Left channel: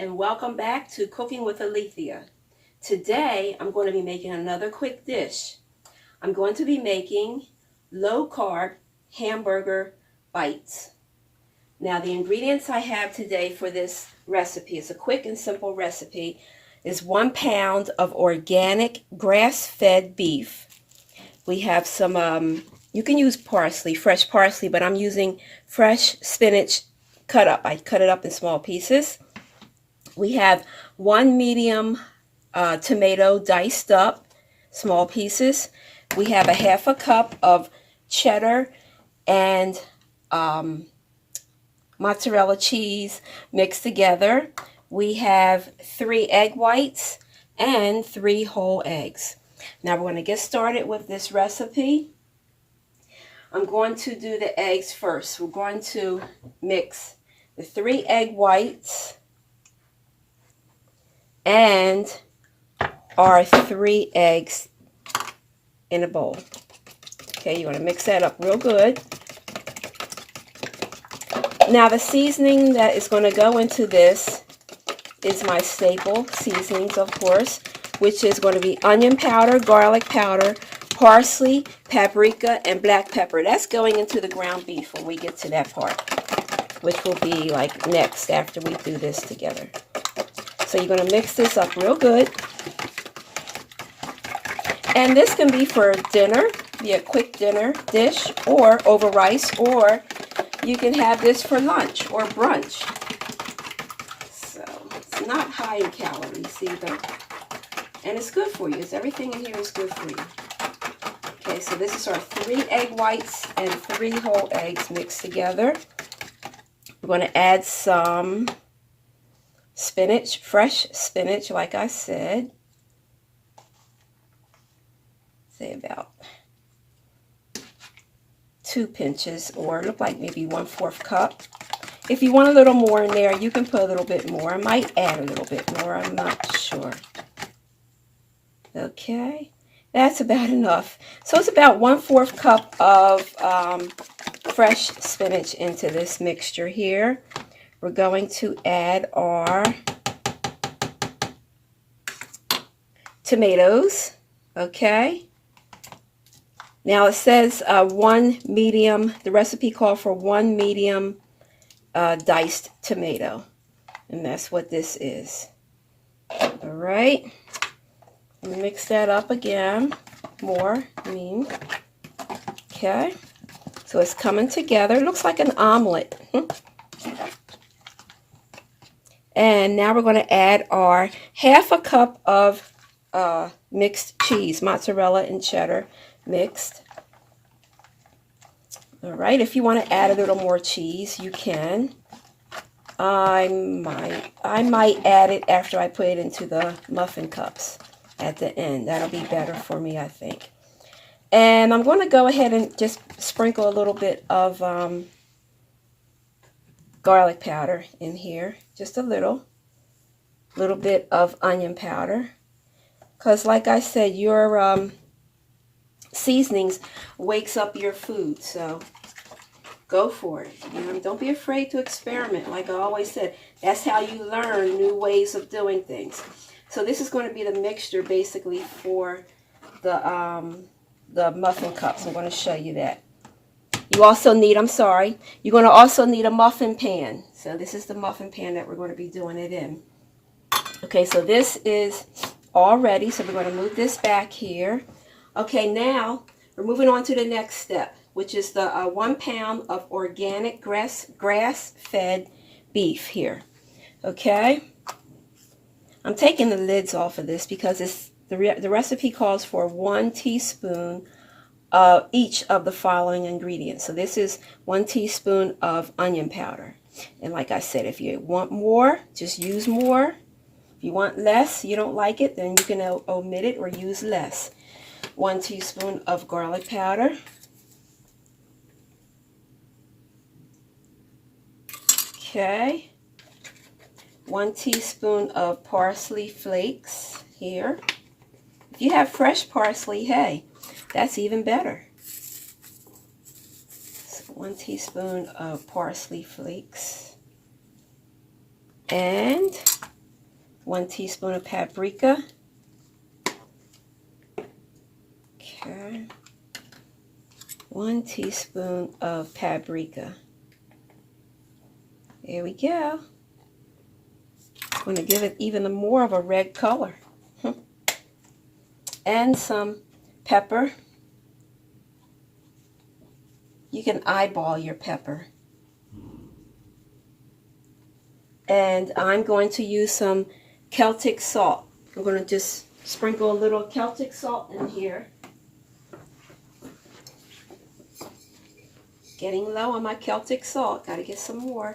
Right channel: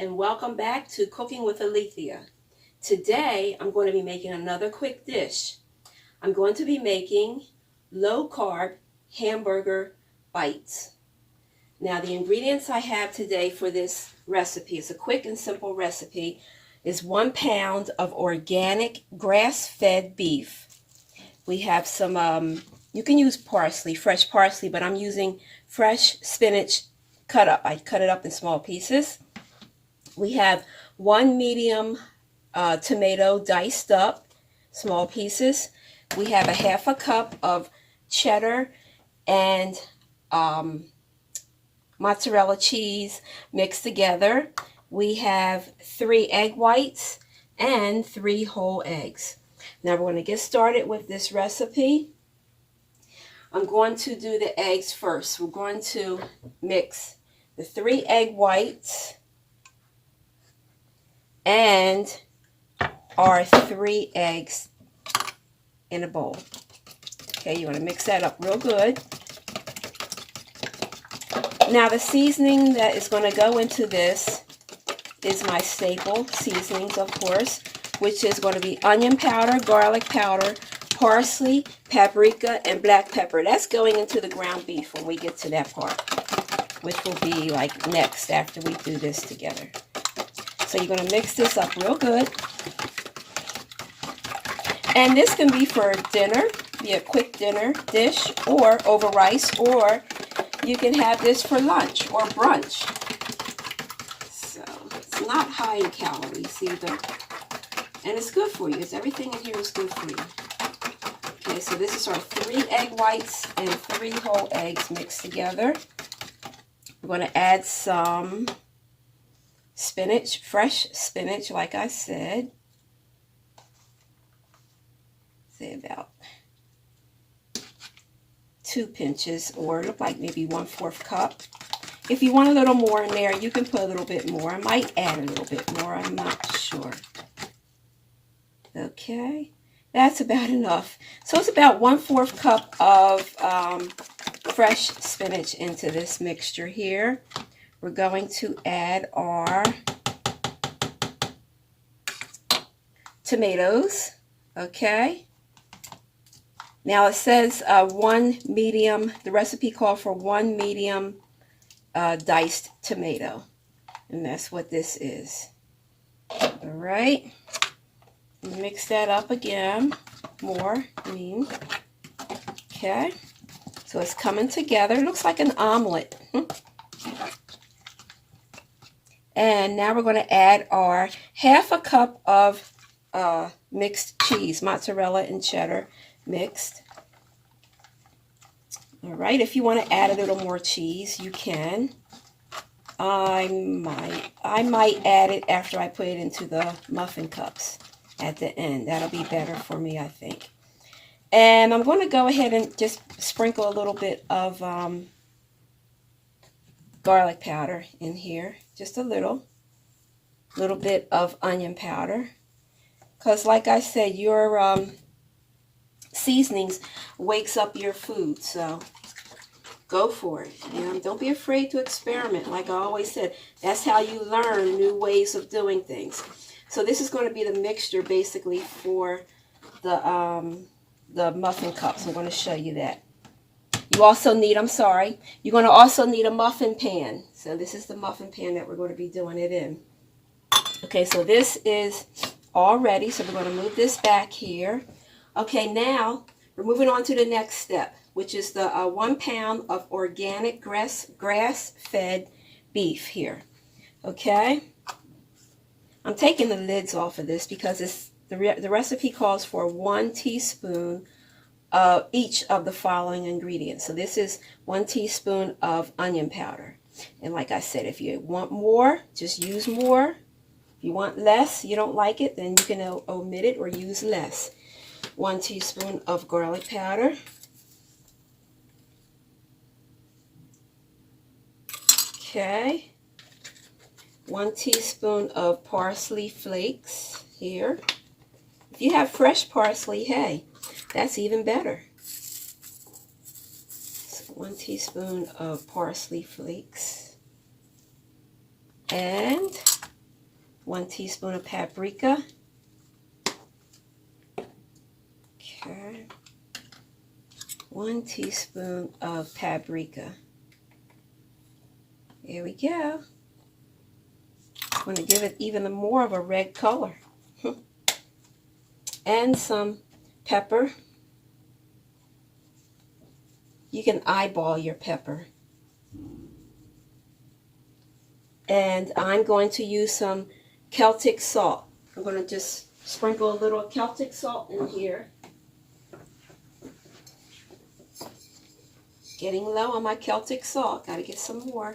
and welcome back to Cooking with Alethia. Today I'm going to be making another quick dish. I'm going to be making low-carb hamburger bites. Now the ingredients I have today for this recipe, it's a quick and simple recipe, is 1 pound of organic grass-fed beef. We have some, you can use parsley, fresh parsley, but I'm using fresh spinach cut up. I cut it up in small pieces. We have 1 medium tomato diced up, small pieces. We have a 1/2 cup of cheddar and mozzarella cheese mixed together. We have 3 egg whites and 3 whole eggs. Now we're going to get started with this recipe. I'm going to do the eggs first. We're going to mix the 3 egg whites and our 3 eggs in a bowl. Okay, you want to mix that up real good. Now the seasoning that is going to go into this is my staple seasonings, of course, which is going to be onion powder, garlic powder, parsley, paprika, and black pepper. That's going into the ground beef when we get to that part, which will be like next after we do this together. So you're going to mix this up real good. And this can be for dinner, be a quick dinner dish, or over rice, or you can have this for lunch or brunch. So it's not high in calories either. And it's good for you. Everything in here is good for you. Okay, so this is our 3 egg whites and 3 whole eggs mixed together. We're going to add some spinach, fresh spinach, like I said. Say about 2 pinches, or look like maybe 1/4 cup. If you want a little more in there, you can put a little bit more. I might add a little bit more. I'm not sure. Okay, that's about enough. So it's about 1/4 cup of fresh spinach into this mixture here. We're going to add our tomatoes. Okay. Now it says 1 medium, the recipe called for 1 medium diced tomato. And that's what this is. All right. Mix that up again. More, Okay. So it's coming together. It looks like an omelet. And now we're going to add our 1/2 cup of mixed cheese, mozzarella and cheddar mixed. All right, if you want to add a little more cheese, you can. I might add it after I put it into the muffin cups at the end. That'll be better for me, I think. And I'm going to go ahead and just sprinkle a little bit of garlic powder in here, just a little bit of onion powder, because like I said, your seasonings wakes up your food, so go for it. Don't be afraid to experiment. Like I always said, that's how you learn new ways of doing things. So this is going to be the mixture basically for the muffin cups. I'm going to show you that. You also need, you're going to also need a muffin pan. So this is the muffin pan that we're going to be doing it in. Okay, so this is all ready. So we're going to move this back here. Okay, now we're moving on to the next step, which is the 1 pound of organic grass-fed beef here. Okay, I'm taking the lids off of this because the recipe calls for 1 teaspoon of each of the following ingredients. So this is 1 teaspoon of onion powder. And like I said, if you want more, just use more. If you want less, you don't like it, then you can omit it or use less. 1 teaspoon of garlic powder. Okay. 1 teaspoon of parsley flakes here. If you have fresh parsley, hey, that's even better. So 1 teaspoon of parsley flakes. And 1 teaspoon of paprika. Okay. 1 teaspoon of paprika. There we go. I'm going to give it even more of a red color. And some pepper. You can eyeball your pepper. And I'm going to use some Celtic salt. I'm going to just sprinkle a little Celtic salt in here. Getting low on my Celtic salt. Got to get some more.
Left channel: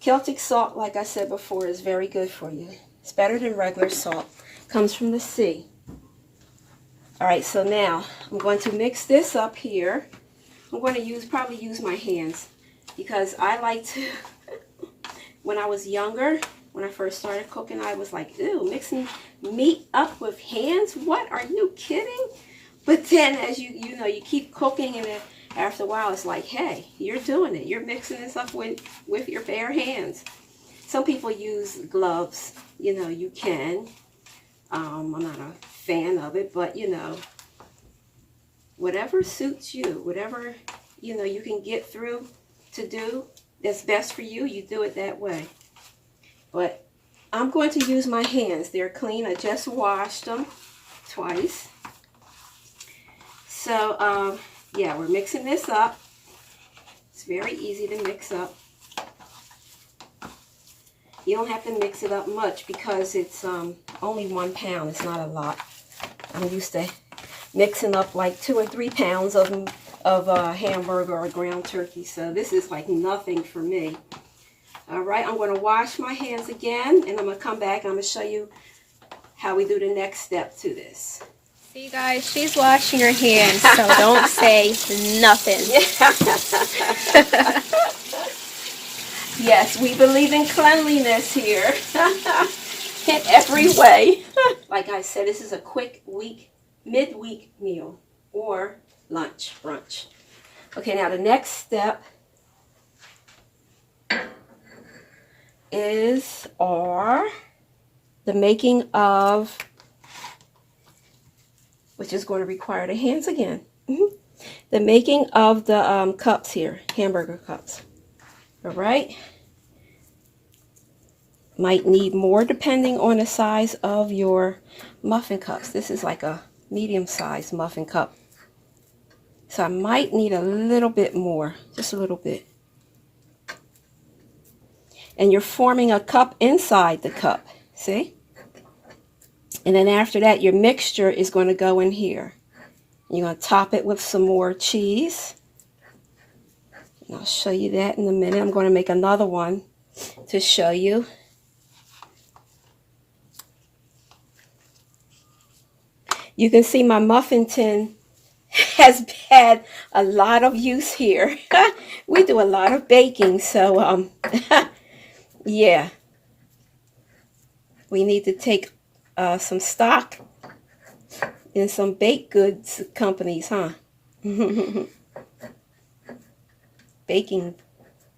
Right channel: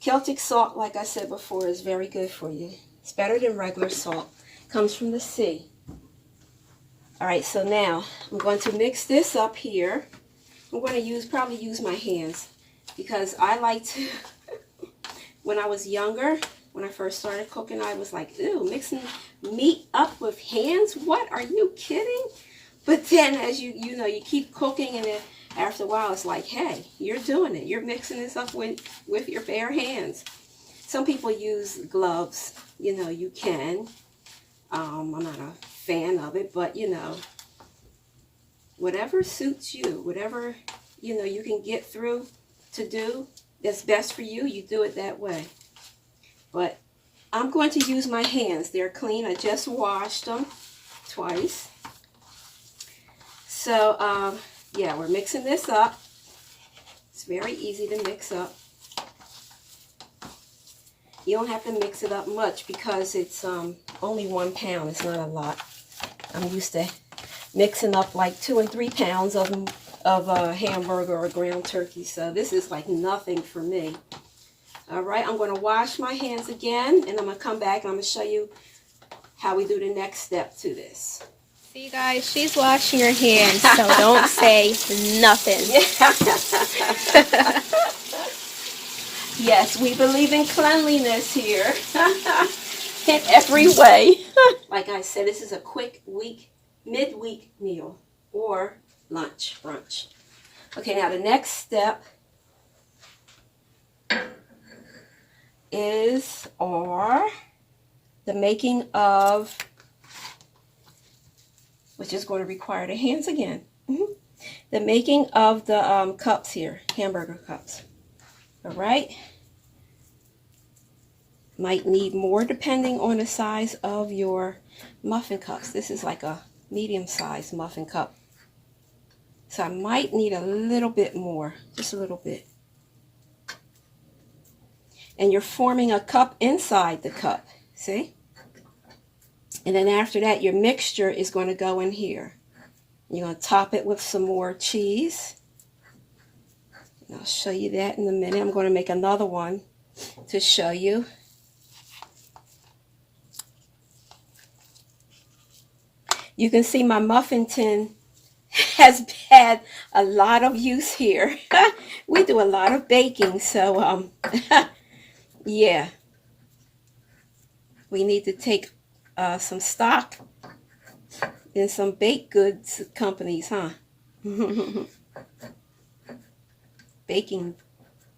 Celtic salt, like I said before, is very good for you. It's better than regular salt. Comes from the sea. Alright, so now I'm going to mix this up here. I'm going to probably use my hands because I like to, when I was younger, when I first started cooking, I was like, ew, mixing meat up with hands? What? Are you kidding? But then as you know, you keep cooking and then after a while it's like, hey, you're doing it. You're mixing this up with your bare hands. Some people use gloves. You know, you can. I'm not a fan of it, but you know, whatever suits you, whatever, you know, you can get through to do that's best for you, you do it that way. But I'm going to use my hands. They're clean. I just washed them twice. So, yeah, we're mixing this up. It's very easy to mix up. You don't have to mix it up much because it's only 1 pound. It's not a lot. I'm used to mixing up like 2 or 3 pounds of hamburger or ground turkey. So this is like nothing for me. All right, I'm going to wash my hands again, and I'm going to come back. I'm going to show you how we do the next step to this. See, guys, she's washing her hands, so don't say nothing. Yes, we believe in cleanliness here in every way. Like I said, this is a quick midweek meal or lunch, brunch. Okay, now the next step is the making of, which is going to require the hands again. The making of the cups here, hamburger cups. All right. Might need more depending on the size of your muffin cups. This is like a medium-sized muffin cup. So I might need a little bit more, just a little bit. And you're forming a cup inside the cup, see? And then after that, your mixture is going to go in here. You're going to top it with some more cheese. And I'll show you that in a minute. I'm going to make another one to show you. You can see my muffin tin has had a lot of use here. We do a lot of baking, so yeah. We need to take some stock in some baked goods companies, huh? Baking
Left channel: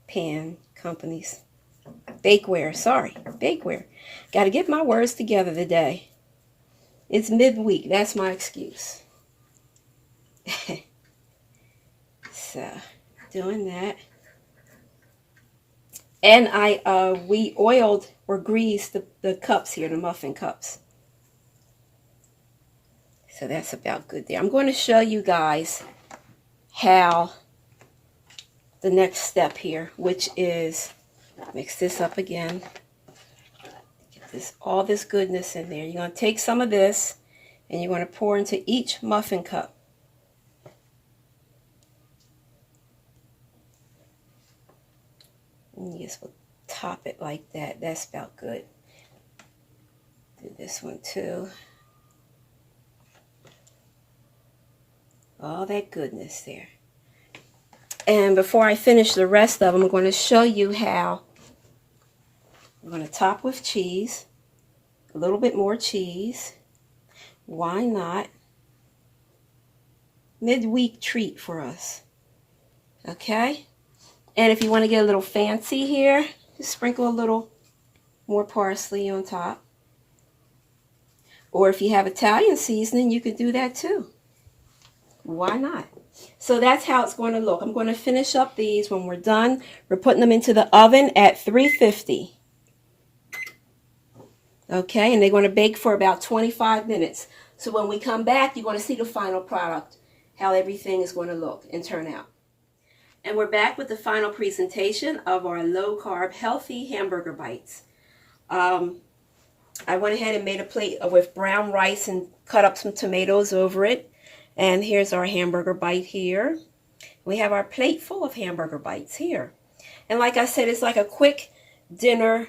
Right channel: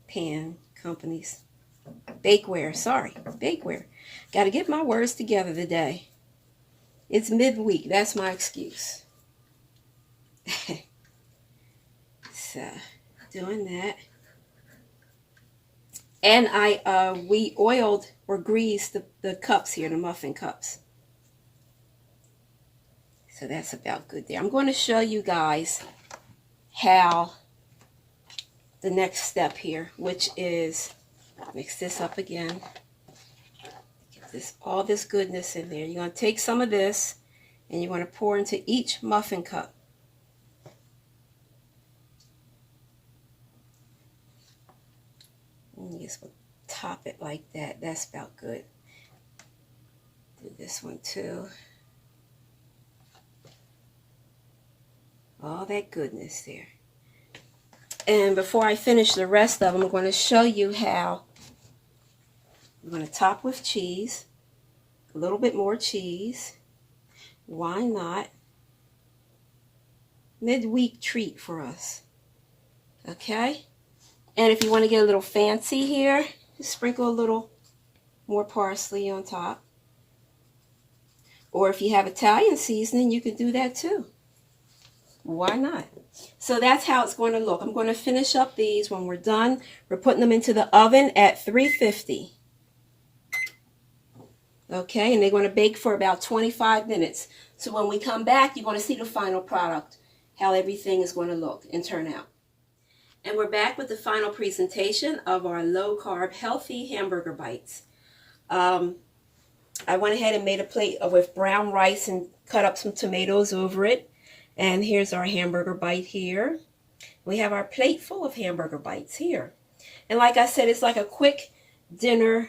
pan companies. Bakeware, sorry. Bakeware. Got to get my words together today. It's midweek. That's my excuse. So, doing that. And we oiled or greased the cups here, the muffin cups. So that's about good there. I'm going to show you guys how the next step here, which is mix this up again. Get all this goodness in there. You're going to take some of this and you're going to pour into each muffin cup. And you just top it like that. That's about good. Do this one too. All that goodness there. And before I finish the rest of them, I'm going to show you how I'm going to top with cheese. A little bit more cheese. Why not? Midweek treat for us. Okay? And if you want to get a little fancy here, just sprinkle a little more parsley on top. Or if you have Italian seasoning, you could do that too. Why not? So that's how it's going to look. I'm going to finish up these. When we're done, we're putting them into the oven at 350. Okay, and they're going to bake for about 25 minutes. So when we come back, you're going to see the final product, how everything is going to look and turn out. And we're back with the final presentation of our low-carb, healthy hamburger bites. I went ahead and made a plate with brown rice and cut up some tomatoes over it. And here's our hamburger bite here. We have our plate full of hamburger bites here. And like I said, it's like a quick dinner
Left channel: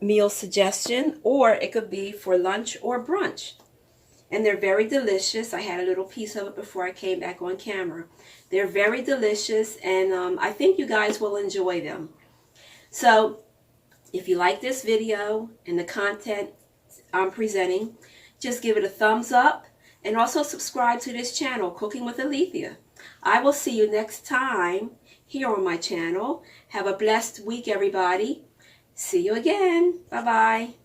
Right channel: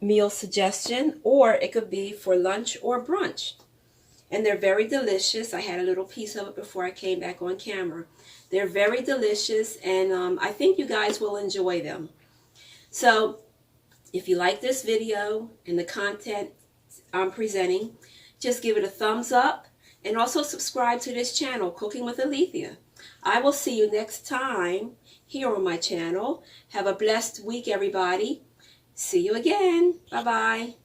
meal suggestion, or it could be for lunch or brunch. And they're very delicious. I had a little piece of it before I came back on camera. They're very delicious, and I think you guys will enjoy them. So if you like this video and the content I'm presenting, just give it a thumbs up and also subscribe to this channel, Cooking with Alethia. I will see you next time here on my channel. Have a blessed week, everybody. See you again. Bye-bye.